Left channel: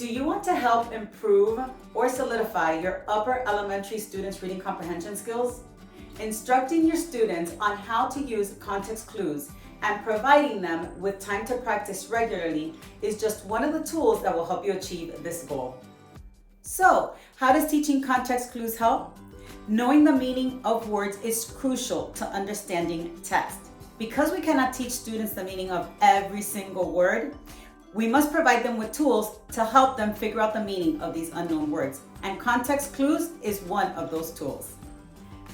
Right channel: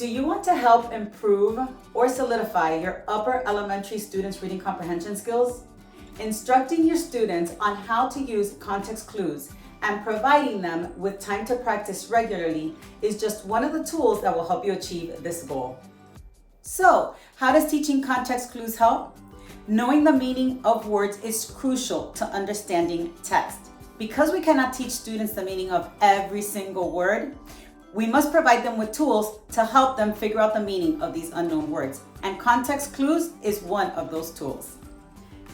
Do you want to help improve or solidify your upper elementary students' reading comprehension skills? Instructing your students on how to use context clues and providing them with time to practice regularly is just one of the tools that will help you achieve this goal. So, how does teaching context clues help? Knowing the meaning of words is crucial to understanding text. Because we cannot teach students the meaning of every single word, we must provide them with tools to help them figure out the meaning of these unknown words, and context clues is one of those tools.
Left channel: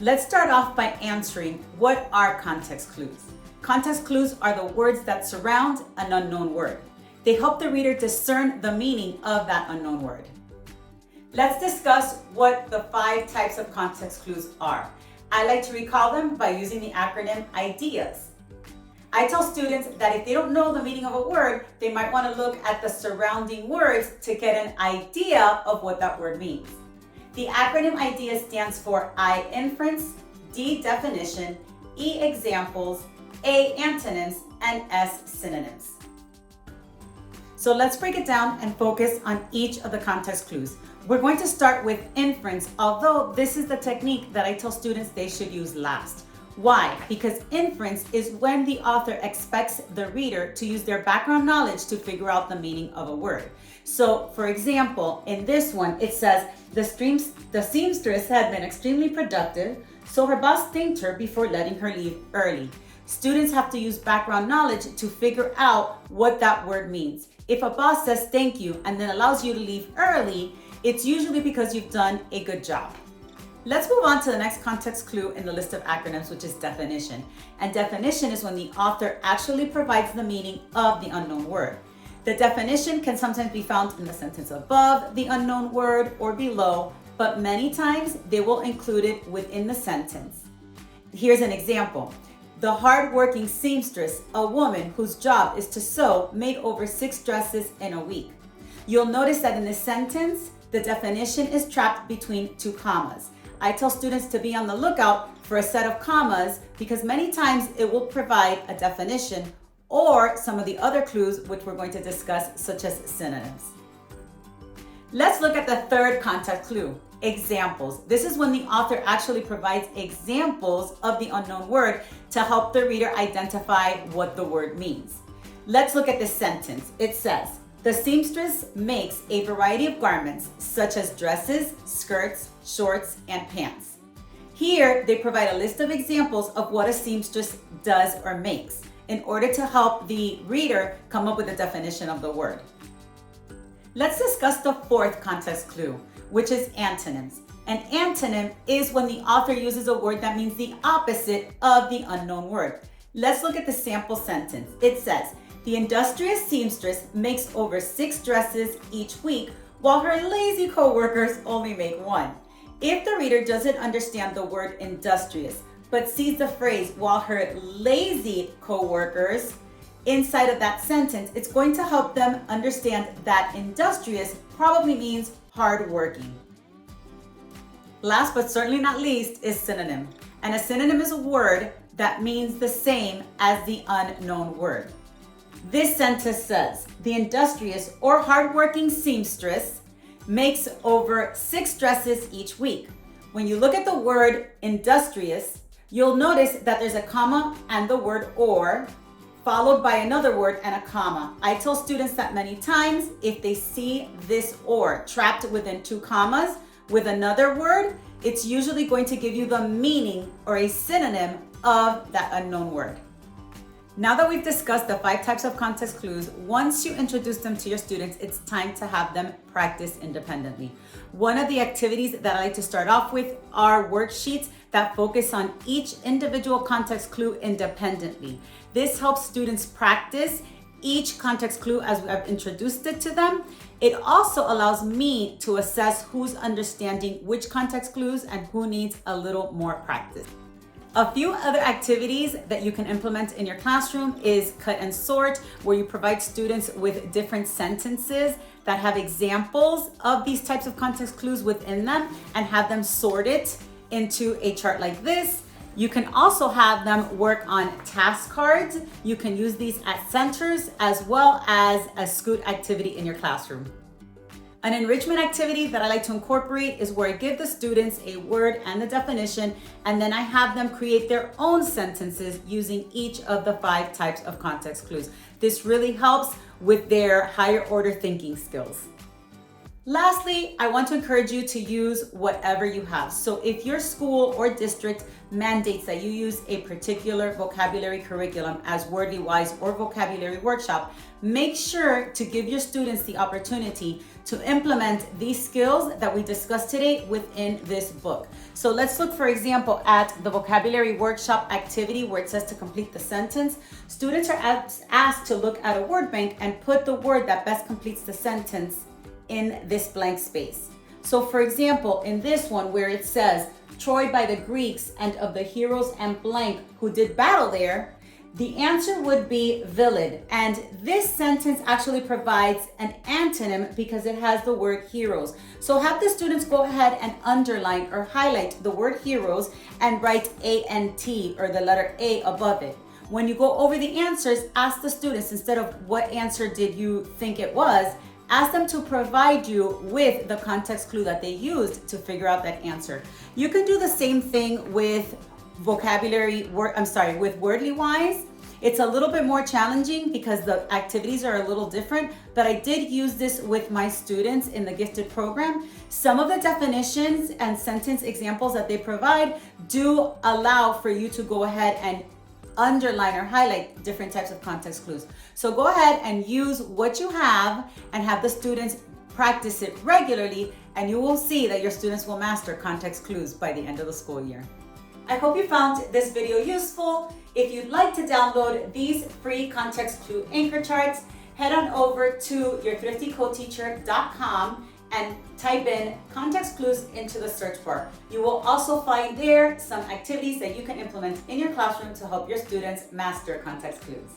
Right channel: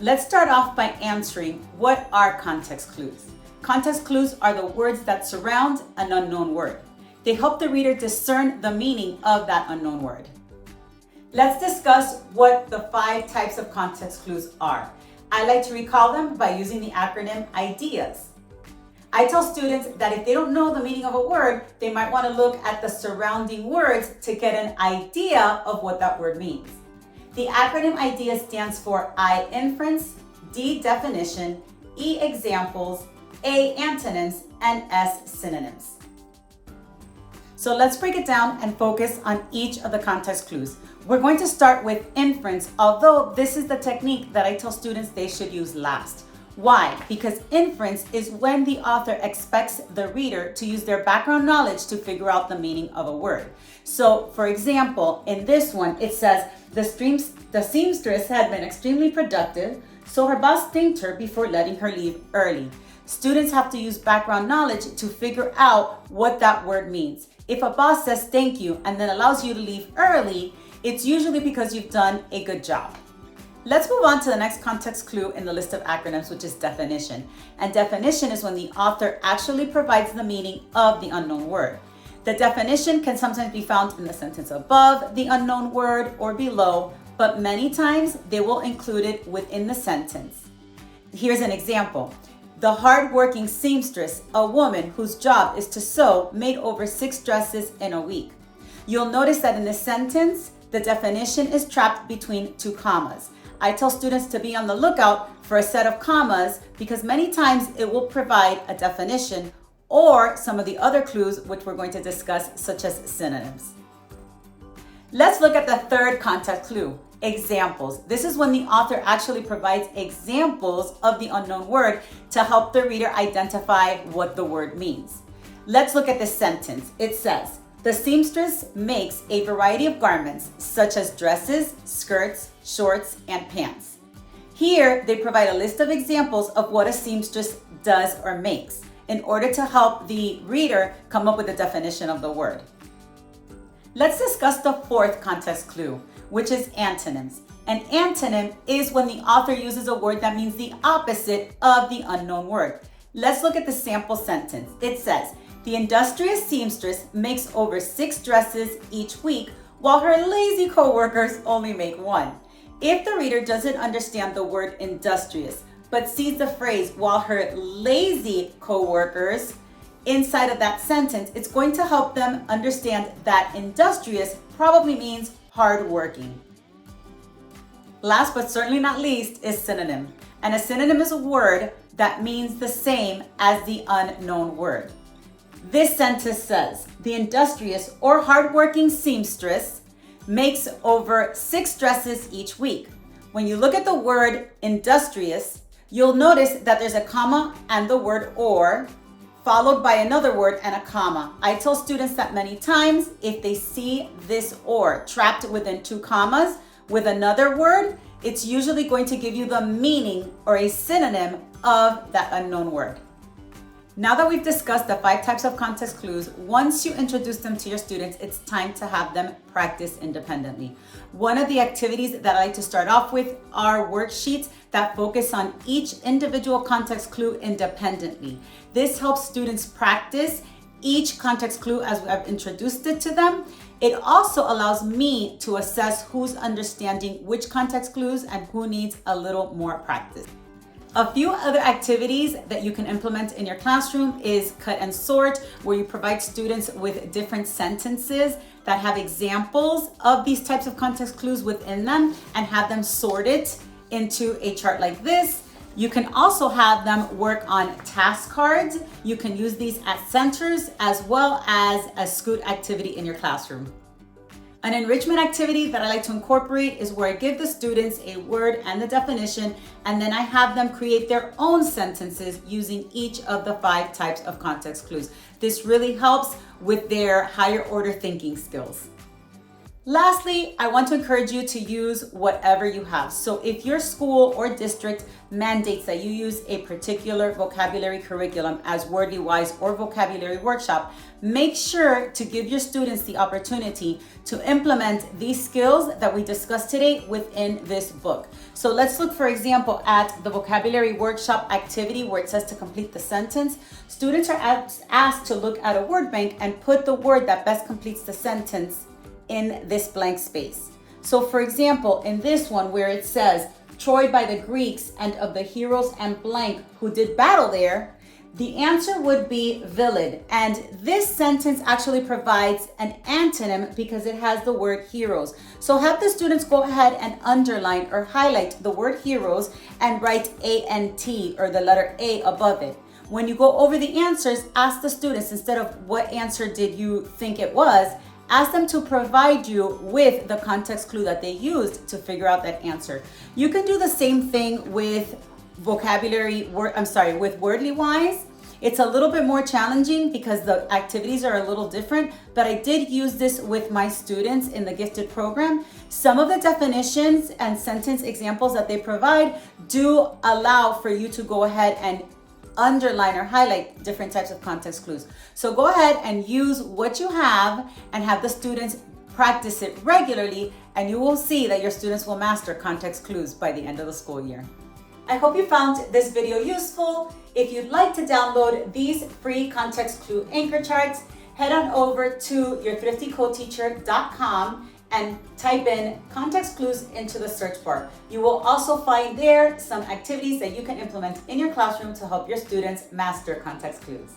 Let's start off by answering, what are context clues? Context clues are the words that surround an unknown word. They help the reader discern the meaning of that unknown word. Let's discuss what the 5 types of context clues are. I like to recall them by using the acronym IDEAS. I tell students that if they don't know the meaning of a word, they might want to look at the surrounding words to get an idea of what that word means. The acronym IDEA stands for I inference, D definition, E examples, A antonyms, and S synonyms. So let's break it down and focus on each of the context clues. We're going to start with inference, although this is the technique that I tell students they should use last. Why? Because inference is when the author expects the reader to use their background knowledge to figure out the meaning of a word. So, for example, in this one, it says, the seamstress had been extremely productive, so her boss thanked her before letting her leave early. Students have to use background knowledge to figure out what that word means. If a boss says thank you and then allows you to leave early, it's usually because you've done a good job. Let's move on to the next context clue in the list of acronyms, which is definition. And definition is when the author actually provides the meaning of the unknown word. The definition can sometimes be found in the sentence above the unknown word or below, but many times they will include it within the sentence. Here's an example. The hardworking seamstress, a woman whose job is to sew, made over 6 dresses in a week. You'll notice that in this sentence, the definition is trapped between 2 commas. I tell students to be on the lookout for a set of commas because many times it will provide a definition or some of the other clues which we're going to discuss, such as synonyms. Let's look at the third context clue, examples. This is when the author actually provides examples of the unknown word to help the reader identify what the word means. Let's look at this sentence. It says, the seamstress makes a variety of garments such as dresses, skirts, shorts, and pants. Here, they provide a list of examples of what a seamstress does or makes in order to help the reader come up with a definition of the word. Let's discuss the fourth context clue, which is antonyms. An antonym is when the author uses a word that means the opposite of the unknown word. Let's look at the sample sentence. It says, the industrious seamstress makes over 6 dresses each week, while her lazy co-workers only make 1. If the reader doesn't understand the word industrious, but sees the phrase while her lazy co-workers inside of that sentence, it's going to help them understand that industrious probably means hardworking. Last but certainly not least is synonym. And a synonym is a word that means the same as the unknown word. This sentence says, the industrious or hardworking seamstress makes over 6 dresses each week. When you look at the word industrious, you'll notice that there's a comma and the word or, followed by another word and a comma. I tell students that many times, if they see this or trapped within 2 commas with another word, it's usually going to give you the meaning or a synonym of that unknown word. Now that we've discussed the 5 types of context clues, once you introduce them to your students, it's time to have them practice independently. One of the activities that I like to start off with are worksheets that focus on each individual context clue independently. This helps students practice each context clue as I've introduced it to them. It also allows me to assess who's understanding which context clues and who needs a little more practice. A few other activities that you can implement in your classroom is cut and sort, where you provide students with different sentences that have examples of these types of context clues within them and have them sorted into a chart like this. You can also have them work on task cards. You can use these as centers as well as a Scoot activity in your classroom. An enrichment activity that I like to incorporate is where I give the students a word and the definition, and then I have them create their own sentences using each of the 5 types of context clues. This really helps with their higher order thinking skills. Lastly, I want to encourage you to use whatever you have. So if your school or district mandates that you use a particular vocabulary curriculum as Wordly Wise or Vocabulary Workshop, make sure to give your students the opportunity to implement these skills that we discussed today within this book. So let's look, for example, at the Vocabulary Workshop activity where it says to complete the sentence. Students are asked to look at a word bank and put the word that best completes the sentence in this blank space. So for example, in this one where it says, Troy by the Greeks and of the heroes and blank who did battle there, the answer would be Vilid. And this sentence actually provides an antonym because it has the word heroes. So have the students go ahead and underline or highlight the word heroes and write A-N-T or the letter A above it. When you go over the answers, ask the students, instead of what answer did you think it was, ask them to provide you with the context clue that they used to figure out that answer. You can do the same thing with with Wordly Wise. It's a little bit more challenging because the activities are a little different, but I did use this with my students in the gifted program. Some of the definitions and sentence examples that they provide do allow for you to go ahead and underline or highlight different types of context clues. So go ahead and use what you have and have the students practice it regularly, and you will see that your students will master context clues by the end of the school year. I hope you found this video useful. If you'd like to download these free context clue anchor charts, head on over to yourthriftycoteacher.com and type in context clues into the search bar. You will also find there some activities that you can implement in your classroom to help your students master context clues.